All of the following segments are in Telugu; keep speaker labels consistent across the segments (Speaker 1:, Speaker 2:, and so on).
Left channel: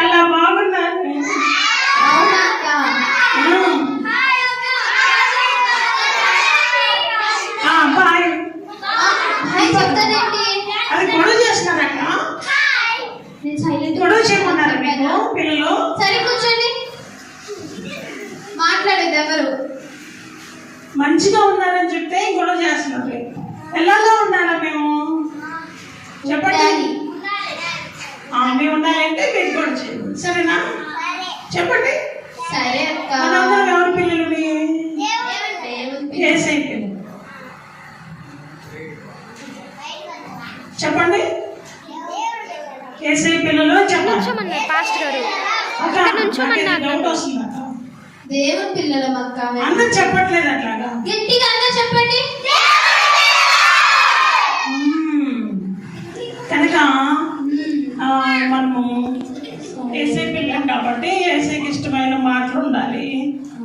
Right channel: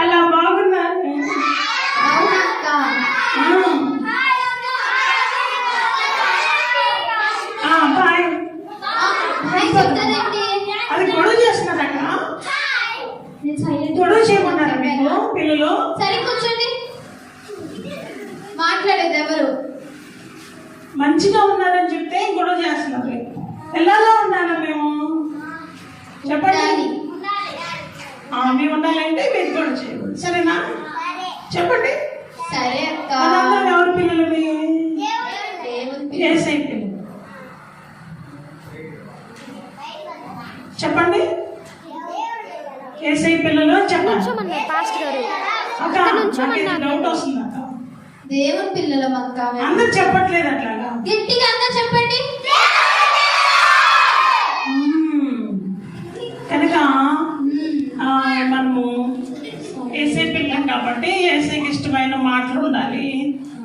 Speaker 1: చాలా బాగున్నారు. బాయ్. అది గొడవ చేయమన్నారు మీకు పిల్లలు?
Speaker 2: మాట్లాడేది ఎవరు?
Speaker 1: మంచిగా ఉన్నారని చెప్తే గొడవ చేస్తున్నారు. ఎలాగా ఉండాలా మేము? చెప్పండి.
Speaker 2: ఉండాలి.
Speaker 1: ఆ, మేము ఉండాలంటే మీరు గొడవ చేయండి. సరేనా? చెప్పండి.
Speaker 2: సరే అక్క.
Speaker 1: మనందరం ఎవరి పిల్లలు? మీ
Speaker 2: దేవుని
Speaker 1: ఏసై పిల్లలు. చెప్పండి. ఏసై పిల్లలు చెప్పండి.
Speaker 3: నుంచోమన్నారు పాస్ట్ గారు.
Speaker 2: దేవుని పిల్లలం అక్క.
Speaker 1: అందరు చెప్పట్లేదు అట్లాగా.
Speaker 2: గట్టిగా అందరూ చెప్పండి.
Speaker 1: కాబట్టి ఏసైకి ఇష్టమైన మాటలు ఉండాలి.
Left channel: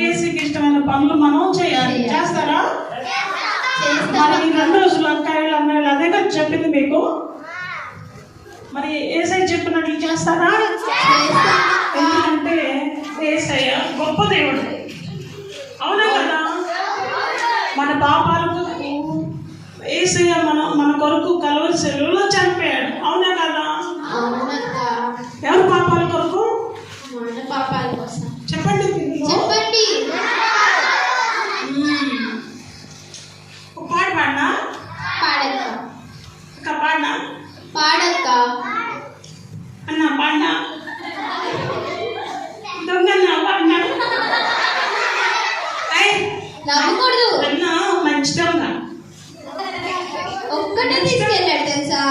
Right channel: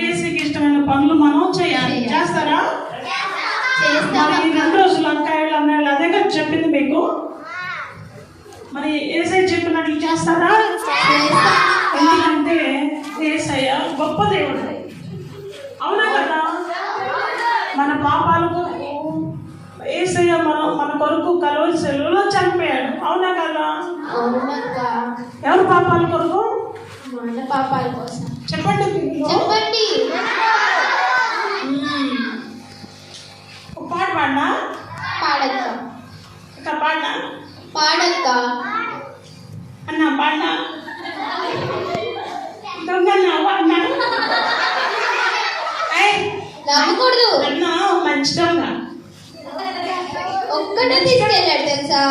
Speaker 1: ఏసైకి ఇష్టమైన పనులు మనం చేయాలి. చేస్తారా?
Speaker 2: చేస్తాం.
Speaker 1: మరి ఈ రెండు రోజులు అక్కాయలు అన్నయ్యలు అదే కదా చెప్పింది మీకు? మరి ఏసై చెప్పినట్లు చేస్తారా?
Speaker 2: చేస్తాం.
Speaker 1: ఎందుకంటే ఏసయ్య గొప్ప దేవుడు. అవునా కదా? మన పాపాల కొరకు ఏసయ్య మన మన కొరకు కలవరి సెలవులో చనిపోయాడు అవునా కదా
Speaker 2: అవునక్క
Speaker 1: ఎవరి పాపాల కొరకు
Speaker 2: మన పాపాల కోసం
Speaker 1: చెప్పండి పిల్లలు.
Speaker 2: చెప్పండి
Speaker 1: మ్మ్. ఒక పాట పాడినా
Speaker 2: పాడక్క
Speaker 1: ఒక పాడినా
Speaker 2: పాడక్క
Speaker 1: అన్న పాడినా దొంగన్న పాడినా ఏయ్,
Speaker 2: నమ్మకూడదు
Speaker 1: అన్న మంచి దొంగ
Speaker 2: ఒక్కటే తీసుకెళ్ళాడు తెలుసా?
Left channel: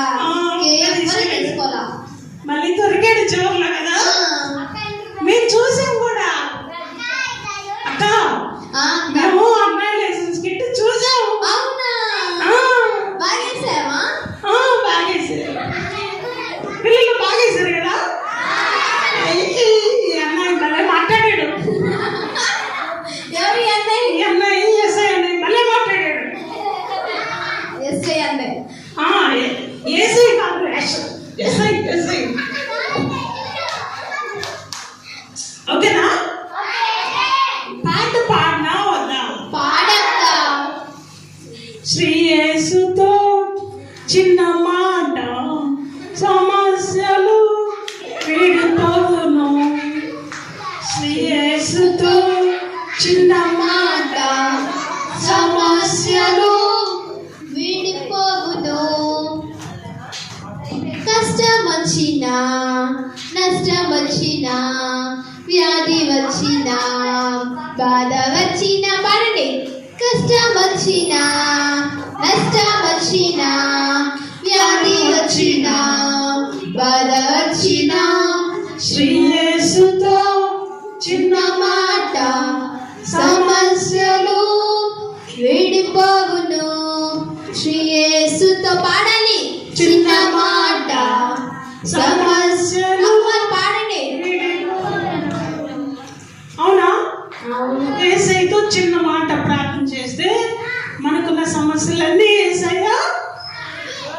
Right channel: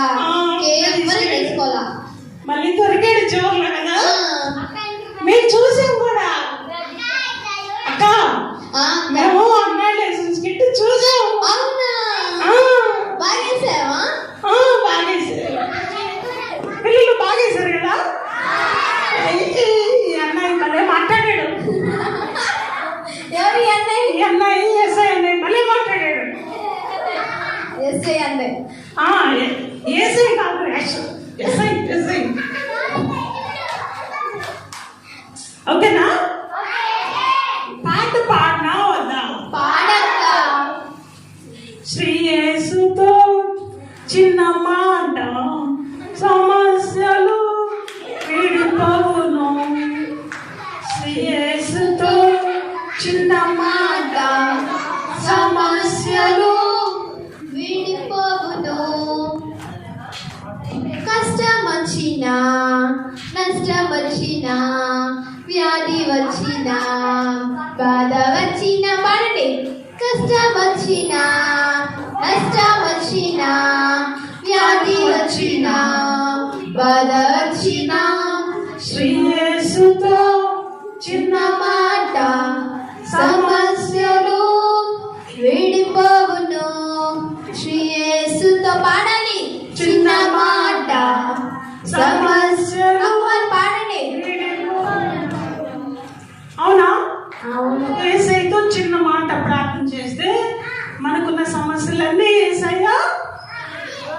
Speaker 1: చిన్న మాట సమస్యలు వీడిపోవును శ్రీ చిన్న మాట
Speaker 2: సమస్యలు విడిపోవును. కష్టం వచ్చినా నష్టం వచ్చినా వ్యాధి వచ్చినా బాధ వచ్చినా కష్టం వచ్చినా నష్టం వచ్చినా వ్యాధి వచ్చినా బాధ వచ్చినా
Speaker 1: శ్రీ యేసుతో
Speaker 2: చిన్న మాట సమస్యలు విడిపోవును. శ్రీయేసుతో పాడాలి చిన్న మాట సమస్యలు మరి పాడండి
Speaker 1: అవునా
Speaker 2: అవును
Speaker 1: ఏసైతో చిన్న మాట ప్రార్థన చేస్తే మనకున్న సమస్యలన్నీ ఏసైగా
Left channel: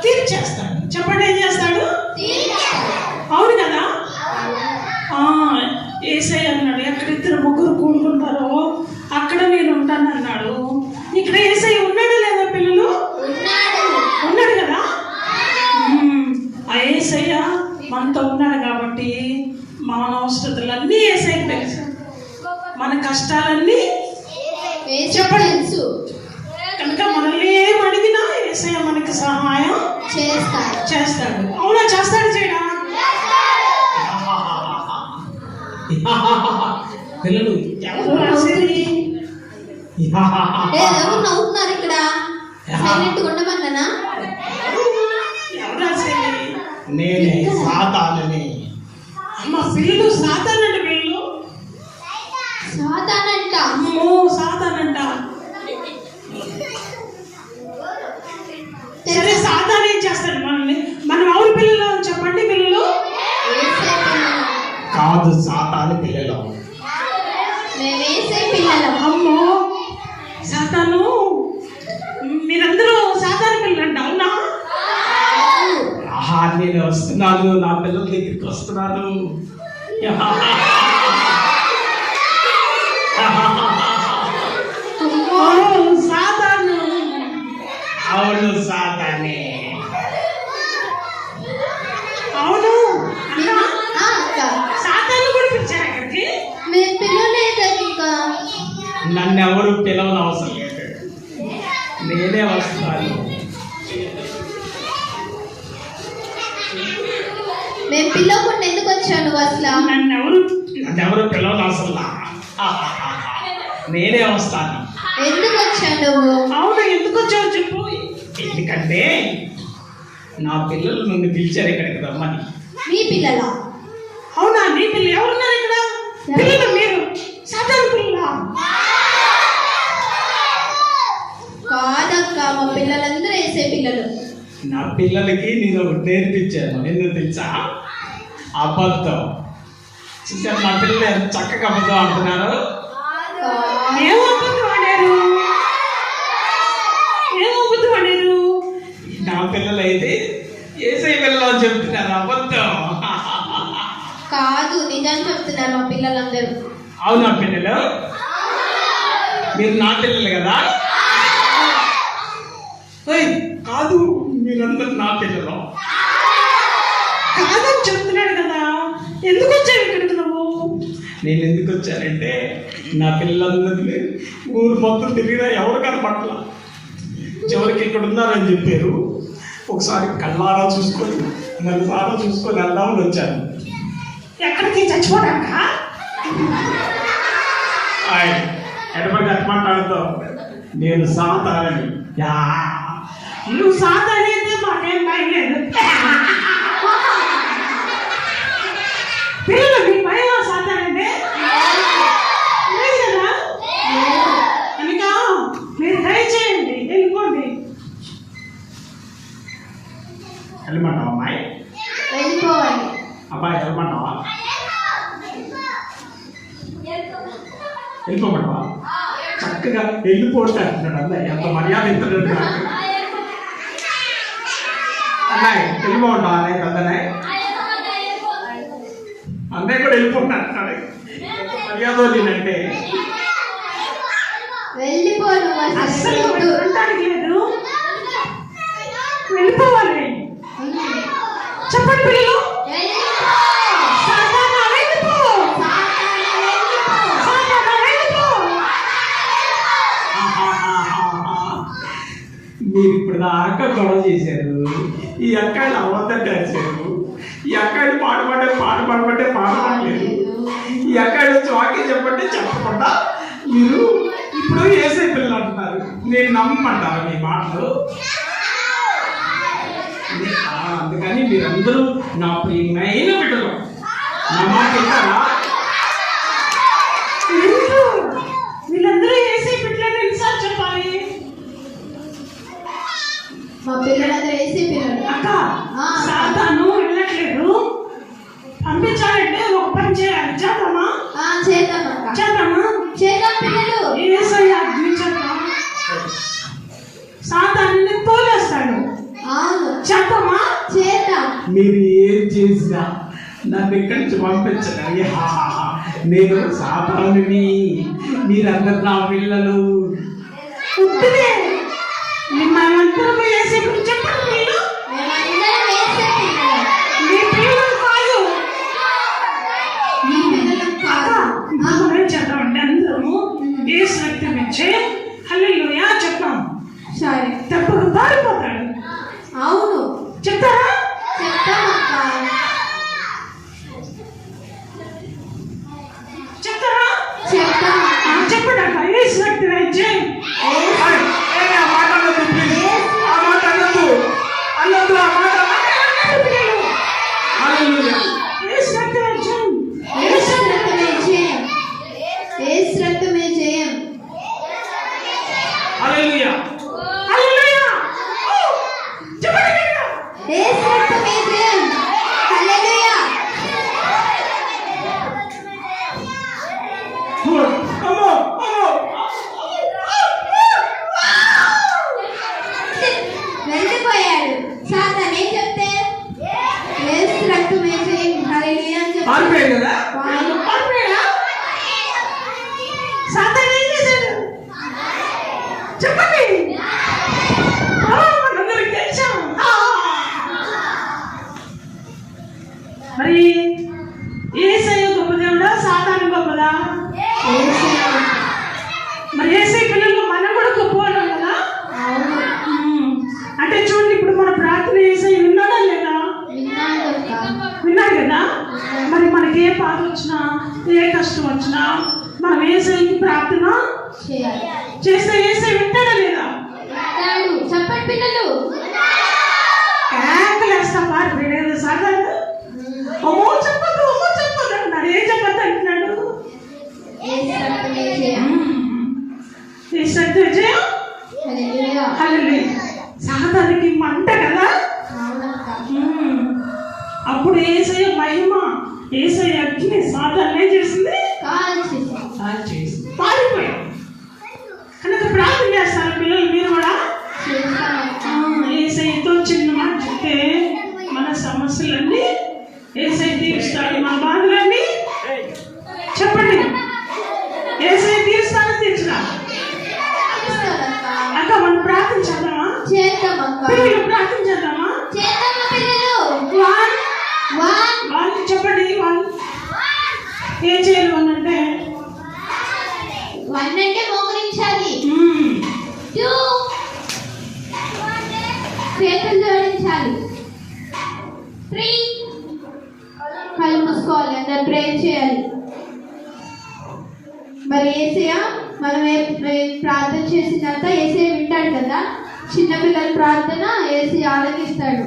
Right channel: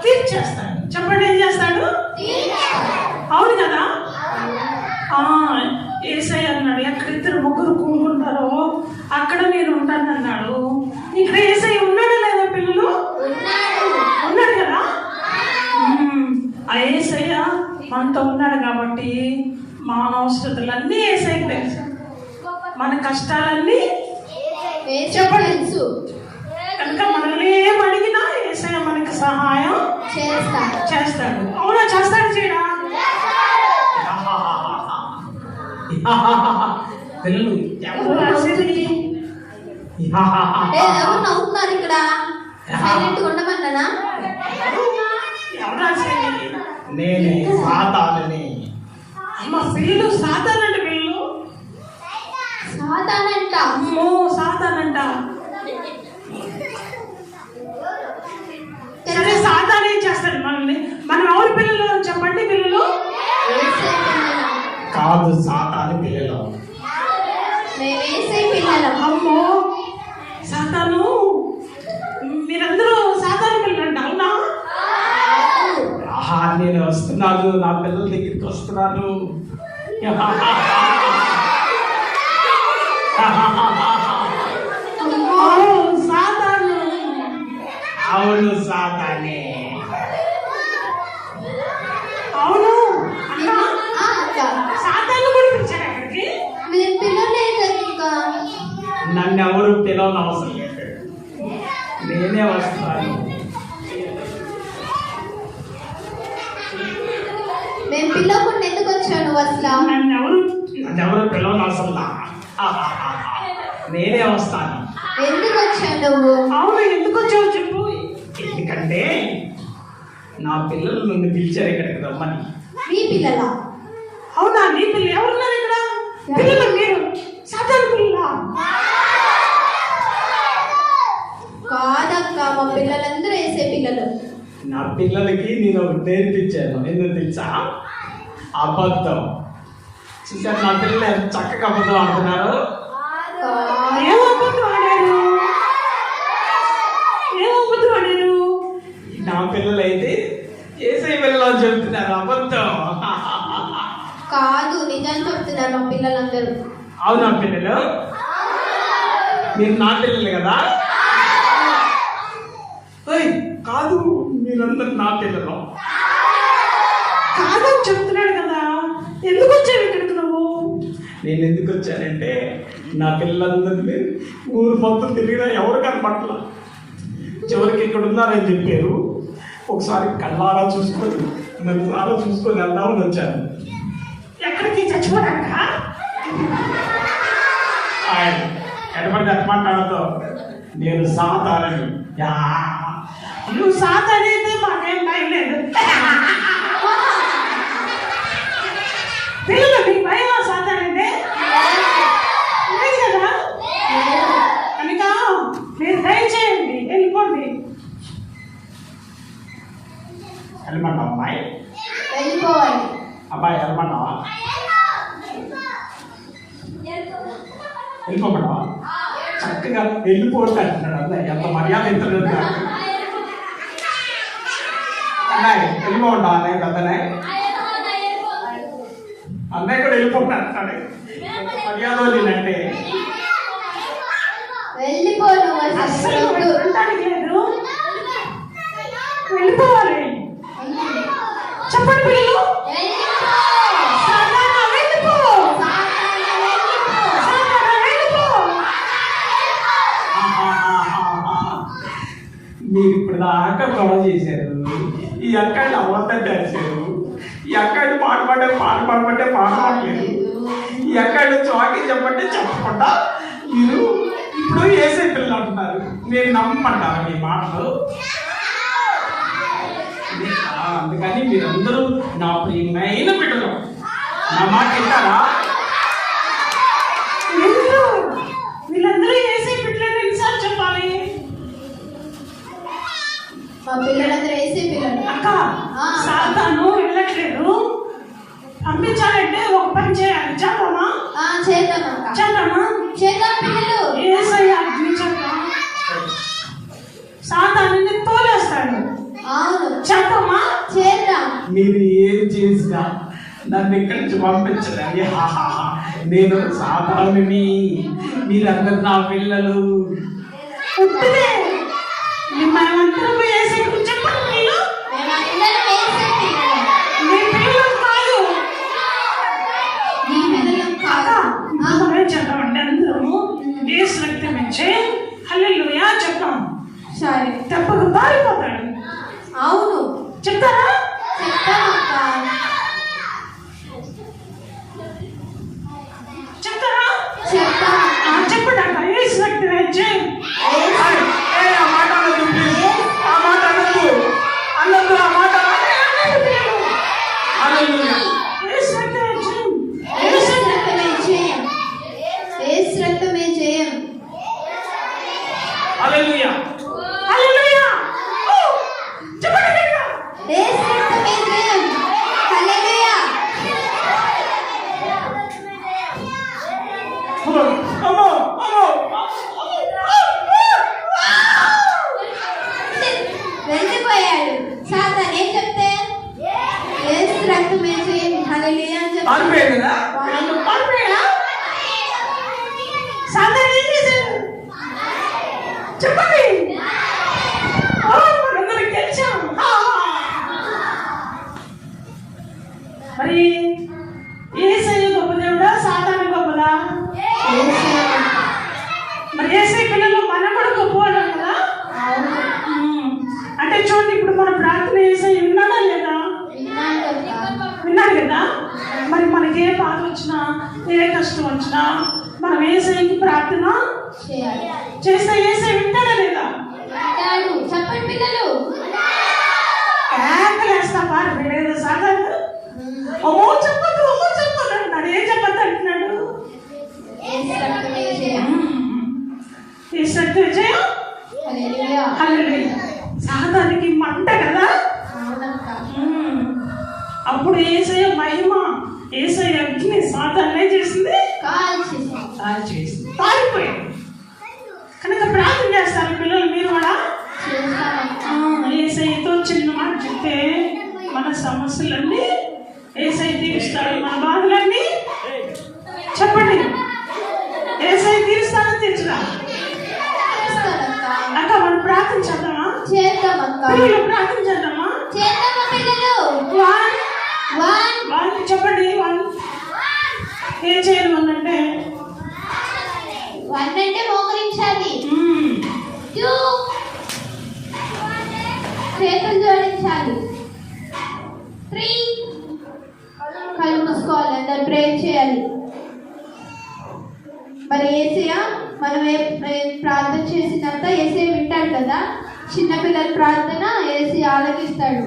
Speaker 1: తీర్చేస్తాడు చెప్పండి ఏం చేస్తాడు అవును కదా ఆ, ఏసై అన్నాడు ఎక్కడ ఇద్దరు ముగ్గురు కూడుకుంటారో అక్కడ నేను ఉంటాను అన్నాడు ఇక్కడ ఏసై ఉన్నాడా లేదా పిల్లలు
Speaker 2: ఉన్నాడు
Speaker 1: ఉన్నాడు కదా మ్మ్. ఆ ఏసయ్య మనతో ఉన్నాడు కాబట్టి మన అవసరతలన్నీ ఏసై తెలుసు మన కష్టాలన్నీ
Speaker 2: యేసు తెలుసు
Speaker 1: కనుక మనల్ని ఏం అడిగినా ఏసయ్య మనకి సహాయం
Speaker 2: చేస్తాడు
Speaker 1: చేస్తాడు అవునా చేస్తాడు చేయడా
Speaker 4: పిల్లలు.
Speaker 1: ఎవరు రాసేది
Speaker 2: ఏ, ఎవరు నవ్వుతున్నారు ఇక్కడ? సైలెంట్ ఉండమన్నానా
Speaker 4: నేనే సాతానని.
Speaker 1: మా పిల్లలు సాతానంట వీళ్ళు. అమ్మో సాతానంట సరే సాతాన్ ఏం చేస్తాడు మనల్ని మనం ఎవరి పిల్లలు చెప్పండి పిల్లలు
Speaker 2: వేసే పిల్లలం
Speaker 4: కాదు సాతాను పిల్లలు
Speaker 2: మేము వేసే పిల్లలం
Speaker 1: అమ్మో సాతాను మీరందరూ సాతాను పిల్లలంట అవునా
Speaker 4: ఆహా నేను వస్తున్నాను నా పిల్లల దగ్గరికి వస్తున్నాను అవును సాతానే.
Speaker 1: అవును. సాతాను. కూడా పిలిచారు అక్కడికి
Speaker 2: మేము పిల్లలేదు ఇంకా.
Speaker 4: నన్ను ఎవరు పిలవని అవసరం లేదు. నేనే వస్తాను.
Speaker 2: మేము పిల్లకుండా ఎందుకు వచ్చాను అసలు?
Speaker 1: నన్ను ఎవరు
Speaker 4: ఎవరు పిలవని అవసరం లా. నేనే వస్తాను
Speaker 2: ఎందుకు వచ్చావు నువ్వు?
Speaker 1: అవును ఎందుకు వచ్చావు చెప్పు.
Speaker 4: ఎందుకంటే నా పిల్లలు నన్ను పిలిచారు ఇక్కడికి రమ్మని.
Speaker 2: మీ పిల్లల?
Speaker 1: అవునా నీ పిల్లలు ఎవరున్నారు ఇక్కడ? పిల్లలు మీరు? పిల్లలా?
Speaker 2: కాదక్క మా పిల్లలందరూ వేసే పిల్లలు.
Speaker 4: నా పిల్లలకి నేను ఒకటి నేర్పించాను ఎందుకు తెలుసా? అబద్ధం. చూసారు నా పిల్లలు చక్కగా అబద్ధం అంటున్నారు నా పిల్లలు అయితే ఏసై పిల్లలు అని చెప్తున్నారు అబద్ధం.
Speaker 2: కాదు నిజం చెప్తున్నారు మా పిల్లలందరూ.
Speaker 4: అవునా పిల్లలు? మీరు నా పిల్లలు కదా? కాదు మీరందరు నా పిల్లలు.
Speaker 1: కాదని చెప్తున్నాడు కదా ఎందుకు వచ్చావు ఇక్కడికి నువ్వు
Speaker 4: నేను ఎందుకు వచ్చానంటే నా పిల్లలందరినీ ఊరు మొత్తం తిరిగినా ఎవరు కనపట్ల చివరికి ఇక్కడ ఉన్నారని చెప్పారు. ఒకసారి కళ్ళారా చూసుకొని నలుసారా చూసుకొని వెళ్దామని వచ్చాను.
Speaker 1: ఎక్కడికి చచ్చిపోడాక
Speaker 4: ఆయన ఎటువంటి ఎట్లా మాట్లాడతావు? నేను సాతానని. యా.
Speaker 1: నువ్వు సాతాను అయితే మాకేం భయం లేదు. పిల్లలు మీకు భయం సాతానంటే లేదు కదా కనుక మీరు దయచేయండి వెళ్ళిపోండి
Speaker 4: వెళ్ళమంటావా అమ్మాయి
Speaker 2: వెళ్ళిపోవాలి
Speaker 4: అబ్బాయి వెళ్ళమంటావా వెళ్ళిపోమంటావా చక్కగా వెళ్ళిపోతే అంటున్నాడు అన్నయ్య ఎంత మర్యాద ఇస్తున్నాడు అన్నయ్య వెళ్ళిపోమంటావా అన్నయ్య అన్నయ్య అన్నయ్య కూడా వెళ్ళిపోతా అంటున్నాడు. ఎంత మర్యాద వదిలినంటే
Speaker 2: వెళ్ళిపోను
Speaker 1: లేదు. వెళ్ళిపోవాలి. చెప్పండి పిల్లలు సాతానా వెళ్ళిపో సాతానా వెళ్ళిపో
Speaker 4: మీరు అక్క దాకా గొడవ చేశారు. ఈ అక్కడిని అబద్ధం చేశారు ఈ అక్కడిని పాట పాడే పాట పాడమంటే పాట పాడలేదు. ఈ అక్కడి చాకి చెప్పంటే చెప్పకుండా మీరు ఇప్పుడు వేసే పిల్లలు అంటున్నారు. నేను నమ్మంట మీ మాటలు? అందుకని మీరందరూ నా ప్రియమైన బిడ్డలు. నా మాట వింటారా
Speaker 1: ఎందుకు వీళ్ళందరూ వేసే బిడ్డలు ఎన్నిసార్లు చెప్పాలి
Speaker 2: మా పిల్లలందరూ వేసే పిల్లలు.
Speaker 1: అక్క సాతాను వెళ్ళట్లేదు. పంపించాలంటే ఒక పని చేయాలి. చేద్దామా?
Speaker 2: ఆ, చేద్దాం అక్క.
Speaker 1: చేద్దామా?
Speaker 2: చేద్దాం పిల్లలు.
Speaker 1: సాతాను తోలేస్తాడు.
Speaker 2: అవును.
Speaker 1: చేద్దామా
Speaker 2: చేద్దాం.
Speaker 4: మీరు ఏం చేసినా నన్ను ఇక్కడి నుంచి పంపించదండి నేను సాధారణని మీరందరు నా పిల్లలు.
Speaker 1: ఉట్టిదే మిమ్మల్ని అందరూ వేసే చెప్పండి మీరు
Speaker 2: మేమందరం వేసే పిల్లలు
Speaker 1: మీ పిల్లలు కాదు
Speaker 2: మీ పిల్లలు కాదు ఆ,
Speaker 1: మనమే చేద్దామండి అందరము ఏసు రక్తం ఇచ్చే హల్లెలూయా చెప్తాం
Speaker 2: సరే
Speaker 1: తప్పదు పారిపోతాడు
Speaker 2: అవును
Speaker 1: చెప్తారా
Speaker 2: చెప్తాం అక్క
Speaker 1: చెప్తారా
Speaker 2: చెప్తాం
Speaker 1: చెప్పడాక ఏసు రక్తం ఇచ్చే
Speaker 4: ఏయ్, ఏయ్, ఆ మాట అనొద్దు, please. ఆ మాట అనొద్దు. అనొద్దు, ఆ మాట అనొద్దు. హల్లెలూయా.
Speaker 1: ఏసు రక్తం ఇచ్చే
Speaker 2: ఏసు రక్తమే జయం ఏసు రక్తమే జయం
Speaker 4: హల్లెలూయా.
Speaker 1: హల్లెలూయా చెప్పండి గట్టిగా.
Speaker 2: ఏసు రక్తమే జయం హల్లెలూయా
Speaker 4: అమ్మో, అమ్మో, అమ్మో.
Speaker 2: వెళ్ళిపోయాడు. సాతానే చెప్తే? ఏసు రక్తమే జయం హల్లెలూయా అని చెప్తే
Speaker 4: కదా?
Speaker 1: ఏం చేయాలి వన్ అంటే
Speaker 2: వన్ అంటే మోకరించాలి చేతులు జోడించాలి త్రీ కళ్ళు మూసుకోవాలి అందరు ప్రేయర్ చేయాలి. మరి ఏసీయా మనం ప్రార్థన చేసినంత ఏసీ వింటాడు కదా? చిన్నపిల్లల ప్రార్థన ఏసీ ఆలకిస్తాడు.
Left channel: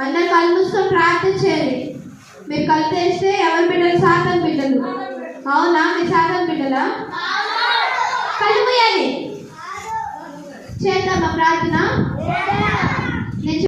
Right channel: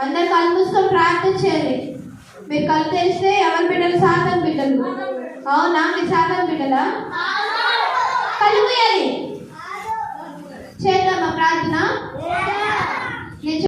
Speaker 2: అందరు కళ్ళు మూసుకొని ప్రార్థన చేయాలి. మీరు కలిసేస్తే ఎవరి బిడ్డలు? శాతం బిడ్డలు. అవునా? మీ శాతం బిడ్డలా? కలిపోయాలి. చేద్దామా ప్రార్థన?